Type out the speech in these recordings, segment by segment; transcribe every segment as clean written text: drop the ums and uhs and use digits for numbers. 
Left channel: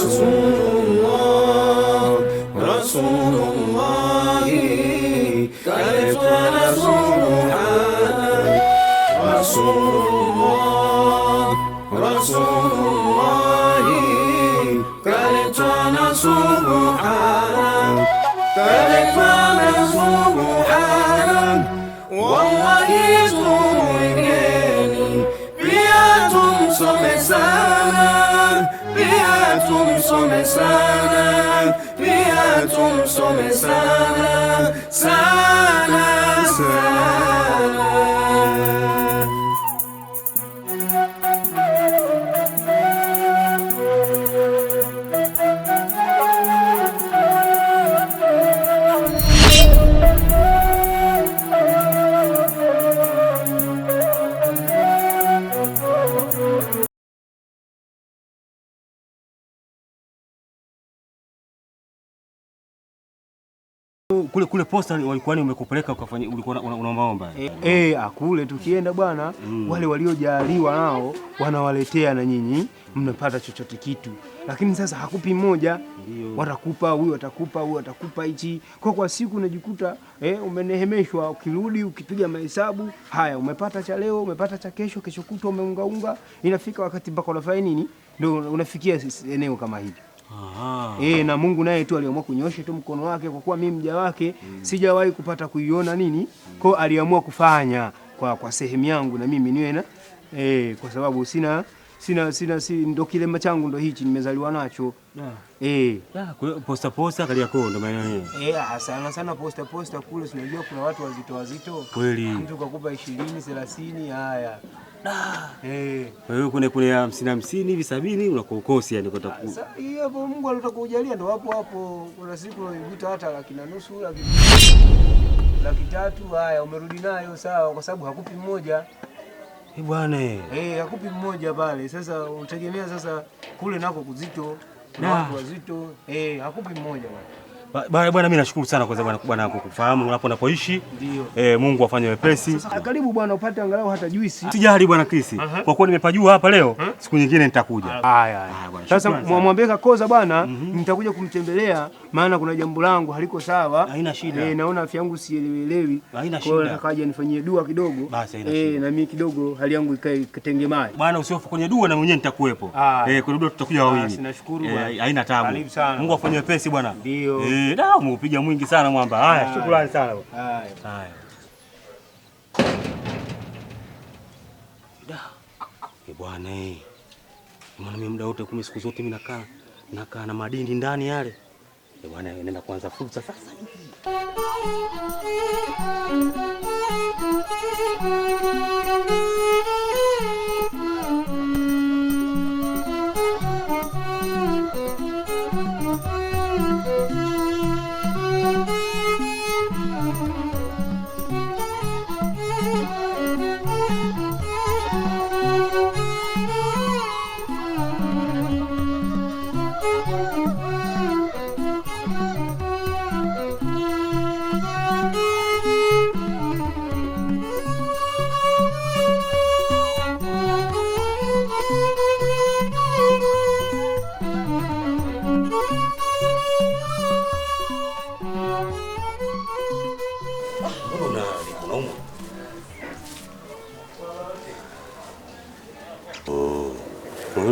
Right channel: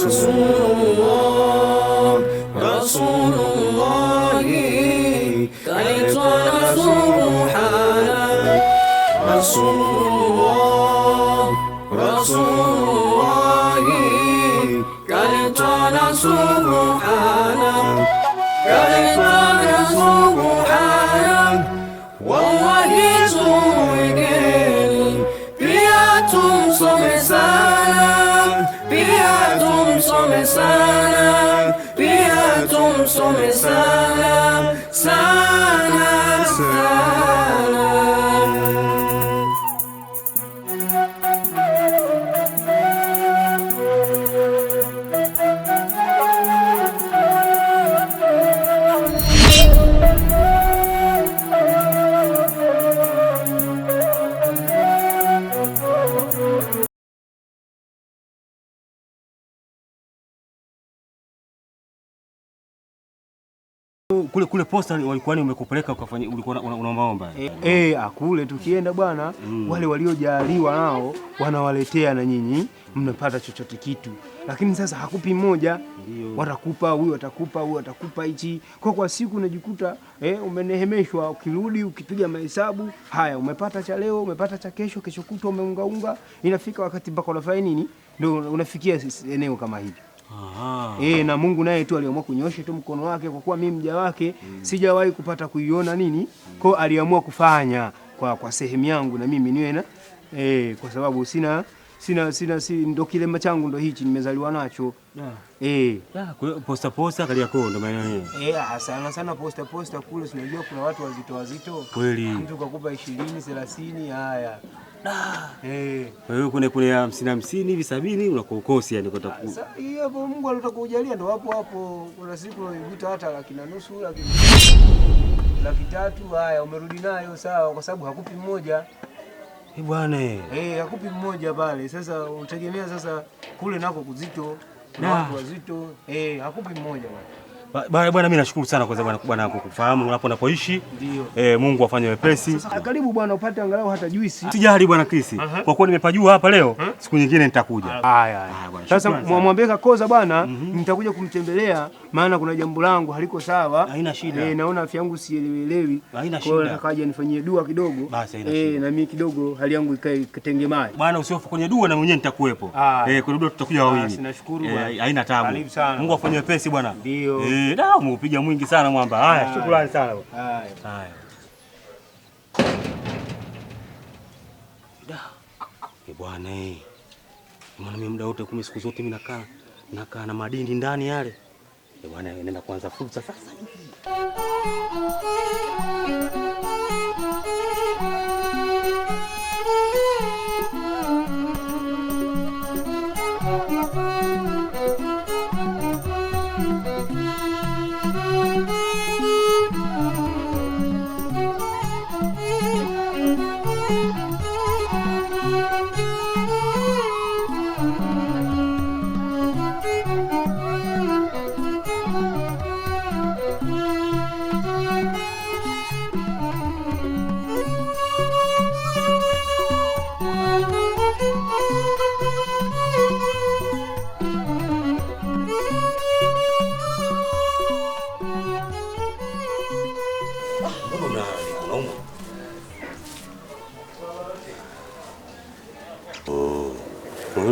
Rasulullah, Rasulullah, kaitwa Rasulullah, Rasulullah, Rasulullah, kaitwa Rasulullah, kaitwa Rasulullah, wallahi tumwigeni, pia tumsome sana, pia tumsome sana, pia tumsome sana, sana, sana. Kule posta walikuwa ni umekupeleka ukafanya, ulikuwa unaomba kule tukienda bwana, wale waliojaliwa nao wanawaletea na nyinyi mnapata chochote kitu, lakini sasa hakupi mmoja, watakupa huyu, watakupa huyu, watakupa hichi. Kwa siku unajikuta umenehemeshwa, ukirudi ukipiga mahesabu, haya umepata cha leo, umepata cha kesho, kesho kutwa umeungaunga, inafika wakati mpaka unafanya nini, ndio unafikia eneo kama hili. Na Mungu naye tu aliamua kunyosha tu mkono wake, kwa kuwa mimi mja wake sijawahi kupata kuiona nini, kwa aliamua kufanya kwa sehemu yangu na mimi niwe na kwa sababu sina ndo kilema changu ndo hichi nimezaliwa nacho. Posta Kariakoo ndo maana sana posta kule, unajua kuna watu wazito kweli, mtu kakupa 20-30 haya. Wewe kule 50 hivi 70 unakokosi yani kwa taku. Sasa hapo Mungu alitakujalia ndo hapo. Kuna siku unaikuta hata 1,200,000, 300,000, haya umerudi nayo sawa, kwa sababu hakupi mmoja. Bwana hakupi mmoja pale. Sasa utegemea sasa kule nako kuzito, na watu wazito, hakupi mmoja bwana. Bwana mimi nashukuru sana kwa sababu bwana kukufahamu unapoishi. Mungu afanye wepesi. Sasa karibu bwana upate angalau hata juisi. Sijali bwana Chris. Kwa kuwa nimepajua hapa leo, siku nyingine nitakuja. Haya. Sasa mwambie Kakoza bwana, nitakuja kumtembelea maana kuna jambo langu haliko sawa. Haina shida. Naona afya yangu sielewelewi. Haina shida. Kwa hiyo nakaja nifanyie dua kidogo. Basi haina shida. Na mimi kidogo hali yangu ikae kitengemae. Bwana usihofu kwenye dua na mwenyewe nitakuwepo. Kwa dua tutakuja wawili. Nashukuru bwana. Haina taabu. Mungu afanye wepesi bwana. Ndio. Umepiga mwingi sana mwamba. Haya, shukrani sana. Haya. Bwana maana mimi muda wote siku zote mimi nakaa na madindi ndani yale. Bwana nenda kuanza fursa sasa hivi.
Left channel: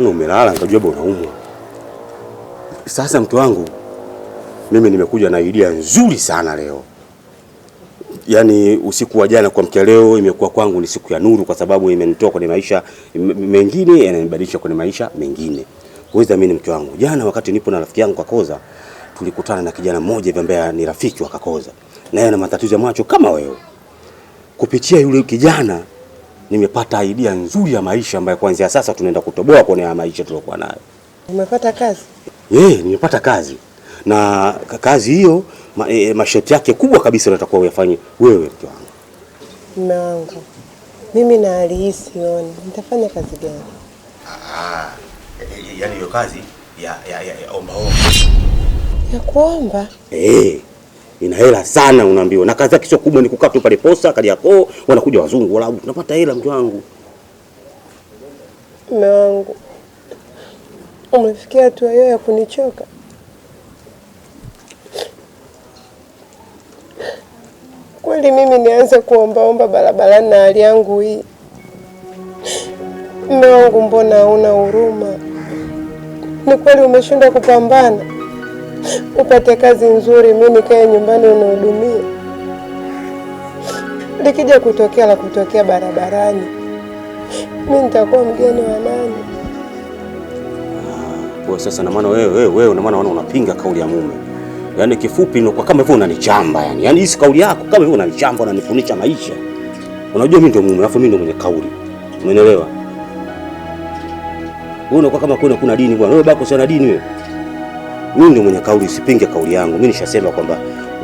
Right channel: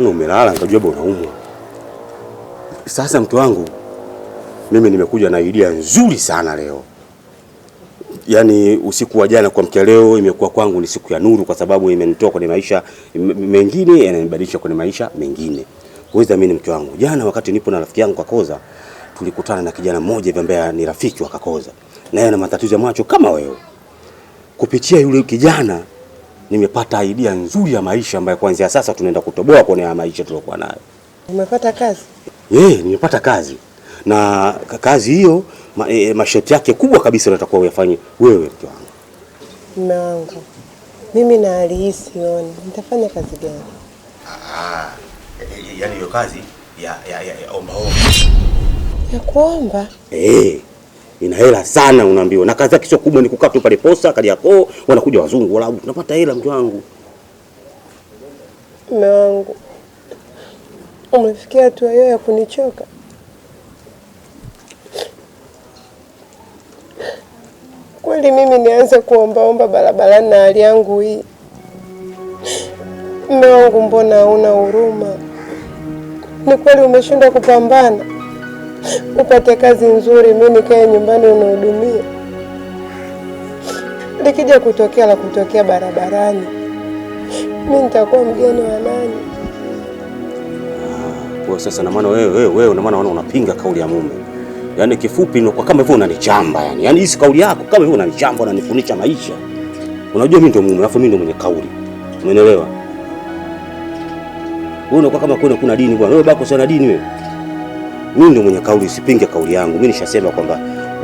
Umelala nikajua bwana unaumwa. Sasa mtu wangu mimi nimekuja na idea nzuri sana leo. Yaani usiku wa jana kwa mkia leo imekuwa kwangu ni siku ya nuru, kwa sababu imenitoa kwenye maisha mengine yananibadilisha kwenye maisha mengine. Uweza mimi mtu wangu, jana wakati nipo na rafiki yangu Kakoza, tulikutana na kijana mmoja hivi ambaye ni rafiki wa Kakoza. Na yeye ana matatizo ya macho kama wewe. Kupitia yule kijana nimepata idea nzuri ya maisha ambayo kuanzia sasa tunaenda kutoboa kwenye maisha tulokuwa nayo. Umepata kazi? Nimepata kazi. Na kazi hiyo masharti yake kubwa kabisa unatakiwa uyafanye wewe mtu wangu. Mume wangu, mimi na hali hii sioni nitafanya kazi gani? Yaani hiyo kazi ya omba. Ya kuomba? Ina hela sana unaambiwa. Na kazi yake sio kubwa, ni kukaa tu pale posta Kariakoo, wanakuja wazungu wala tunapata hela mtu wangu. Mume wangu, Umefikia hatua hiyo ya kunichoka? Kweli mimi nianze kuombaomba barabarani na hali yangu hii? Mume wangu, mbona hauna huruma? Ni kweli umeshindwa kupambana upate kazi nzuri, mimi nikae nyumbani unihudumie? Likija kutokea la kutokea barabarani, mimi nitakuwa mgeni wa nani? Kwa sasa na maana wewe na maana unapinga kauli ya mume. Yaani kifupi ni kwa kama hivyo unanichamba yani. Yaani hii kauli yako kama hivyo unanichamba, unanifunisha maisha. Unajua mimi ndio mume, alafu mimi ndio mwenye kauli. Umeelewa? Wewe unakuwa kama kuna dini bwana. Wewe bako sana dini wewe. Mimi ndio mwenye kauli, usipinge kauli yangu. Mimi nishasema kwamba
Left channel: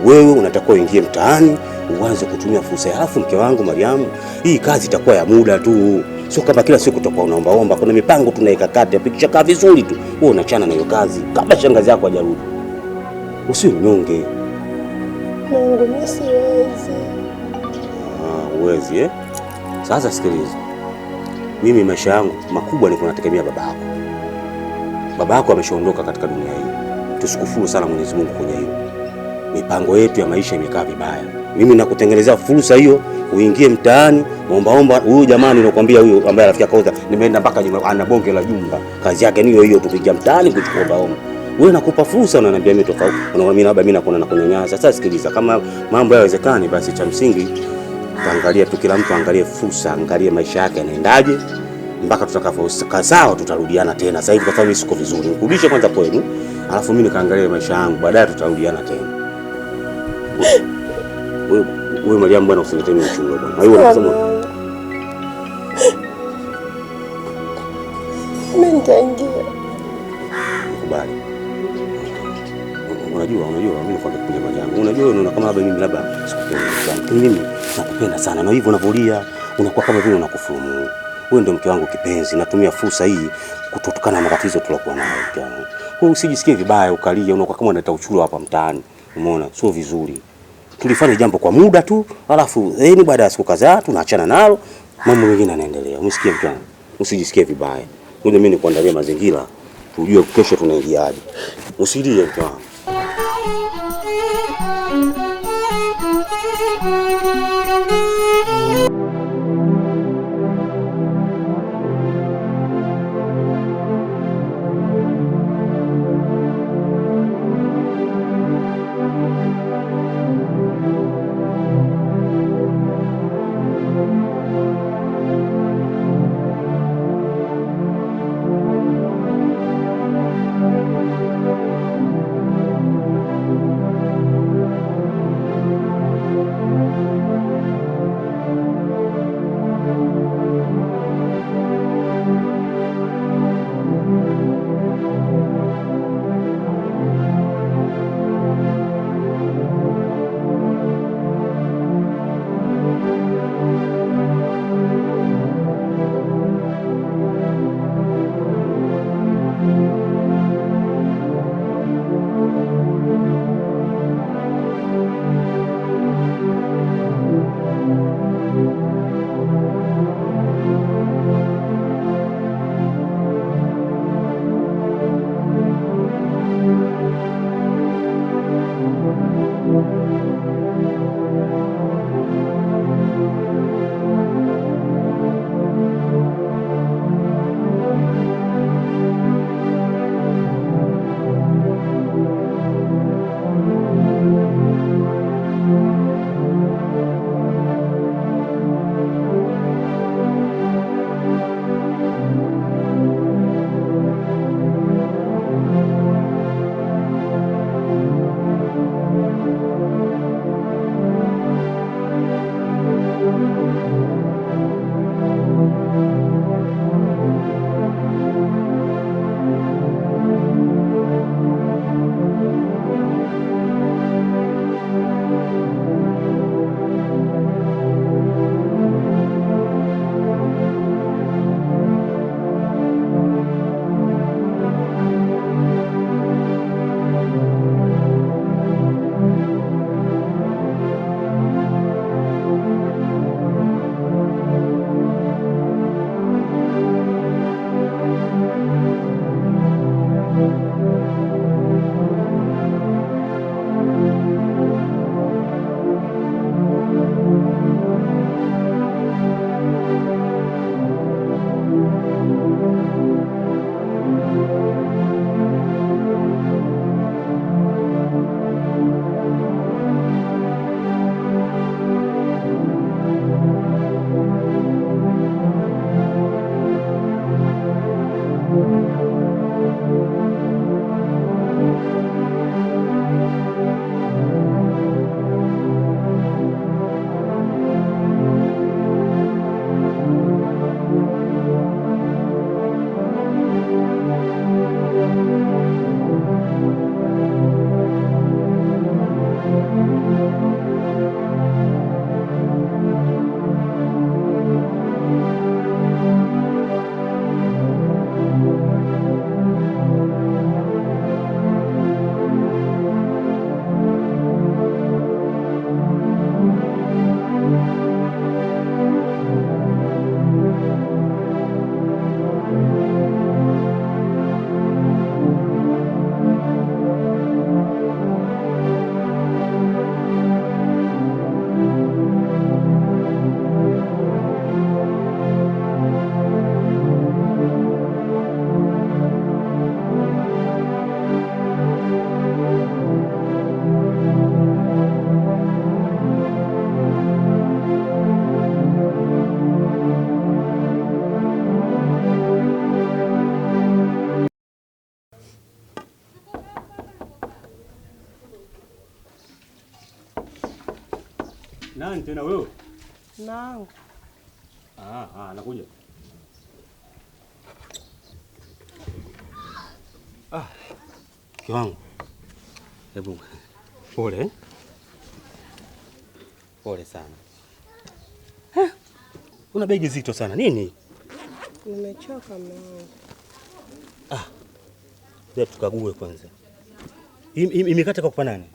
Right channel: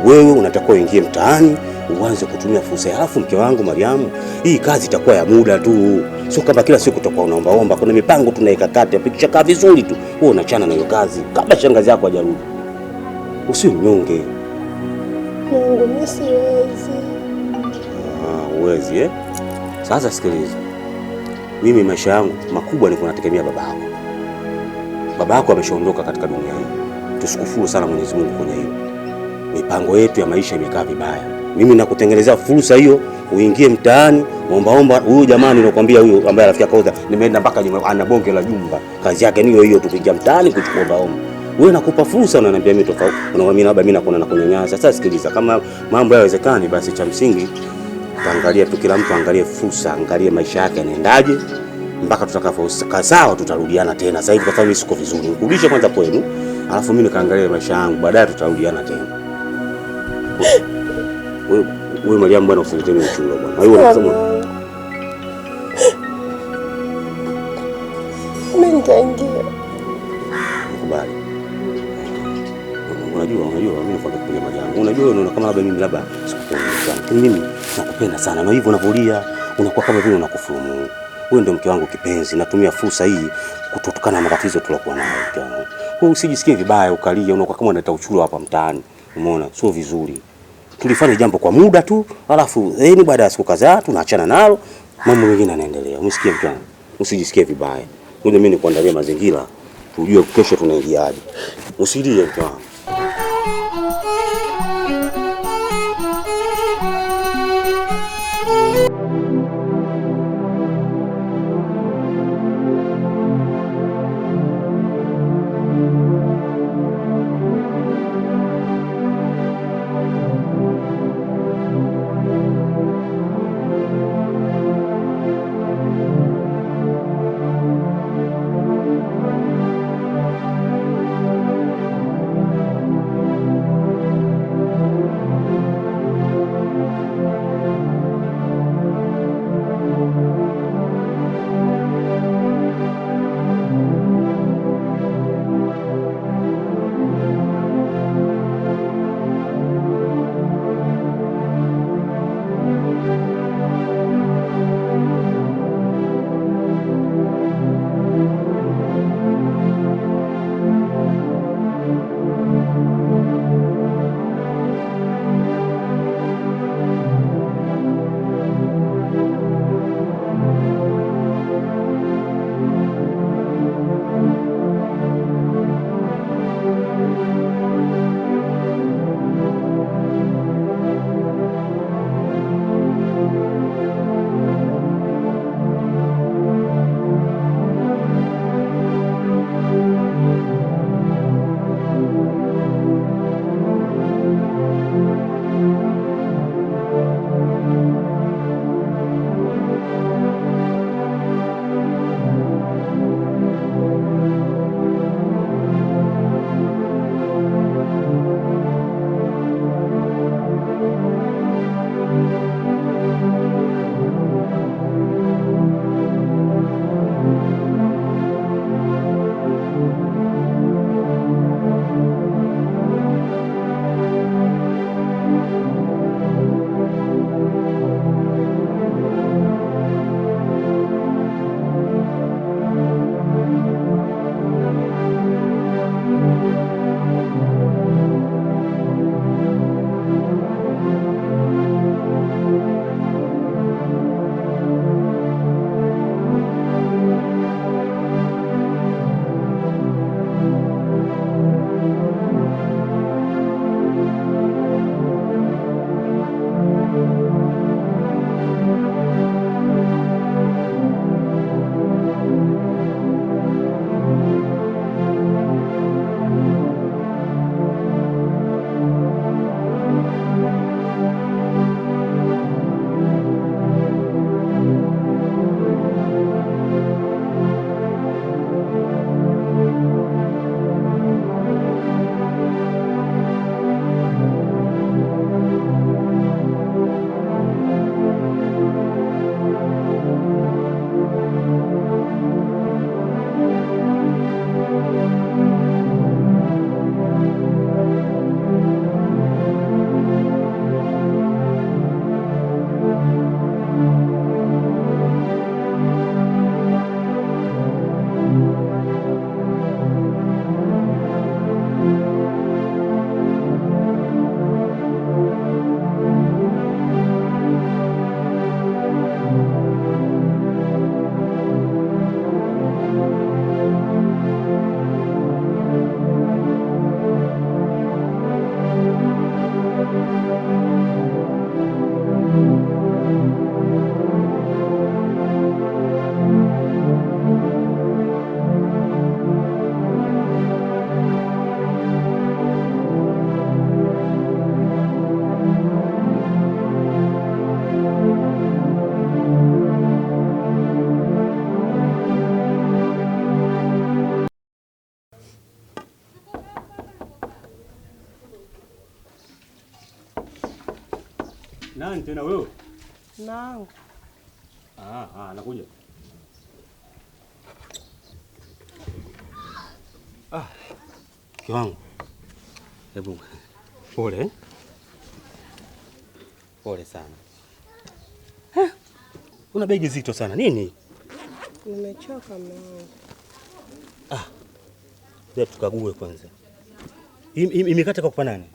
wewe unatakiwa uingie mtaani, uanze kutumia fursa ya. Alafu mke wangu Mariamu, hii kazi itakuwa ya muda tu. Sio kama kila siku utakuwa unaomba. Kuna mipango tunaweka kati, pikisha vizuri tu. Wewe unachana na hiyo kazi kabla shangazi yako hajarudi. Usiwe mnyonge. Mungu, mimi siwezi. Uwezi eh? Sasa sikiliza. Mimi maisha yangu makubwa ni kunategemea babako. Babako ameshaondoka katika dunia hii. Tusikufuru sana Mwenyezi Mungu kwenye hiyo. Mipango yetu ya maisha imekaa vibaya. Mimi nakutengenezea fursa hiyo, uingie mtaani, omba. Huyu jamani nakwambia, huyu ambaye rafiki yako nimeenda mpaka ana bonge la jumba. Kazi yake ni hiyo tukiingia mtaani kuchukua omba. Wewe nakupa fursa, unaniambia mimi tofauti. Unaona labda mimi nakuona na kunyanyasa. Sasa sikiliza, kama mambo hayawezekani basi cha msingi tuangalie tu, kila mtu angalie fursa, angalie maisha yake yanaendaje mpaka tutakapokaa sawa, tutarudiana tena. Sasa hivi kwa sababu siko vizuri, nikurudishe kwanza kwenu, alafu mimi nikaangalie maisha yangu, baadaye tutarudiana tena. Wewe Mariamu bwana, usiletee uchungu bwana. Wewe unasema mimi nitaingia. Nikubali. Unajua mimi nakwambia kuja Mariamu. Unajua unaona kama labda sikupendi sana. Lakini mimi nakupenda sana. Na hivyo unavolia unakuwa kama vile unakufuru. Wewe ndio mke wangu kipenzi. Natumia fursa hii kutotokana na matatizo tulokuwa nayo mke wangu. Wewe usijisikie vibaya ukalia, unakuwa kama unaleta uchuro hapa mtaani. Umeona? Sio vizuri. Tulifanya jambo kwa muda tu, alafu baada ya siku kadhaa tunaachana nalo, mambo mengine yanaendelea. Umesikia mke wangu? Usijisikie vibaya. Ngoja mimi nikuandalie mazingira, tujue kesho tunaingiaje. Usilie mke wangu. Nani tena wewe? Nangu. Nakuja. Mke wangu. Hebu. Pole. Pole sana. Una begi zito sana. Nini? Nimechoka mume wangu. Hebu tukague kwanza. Imekata kwa nani?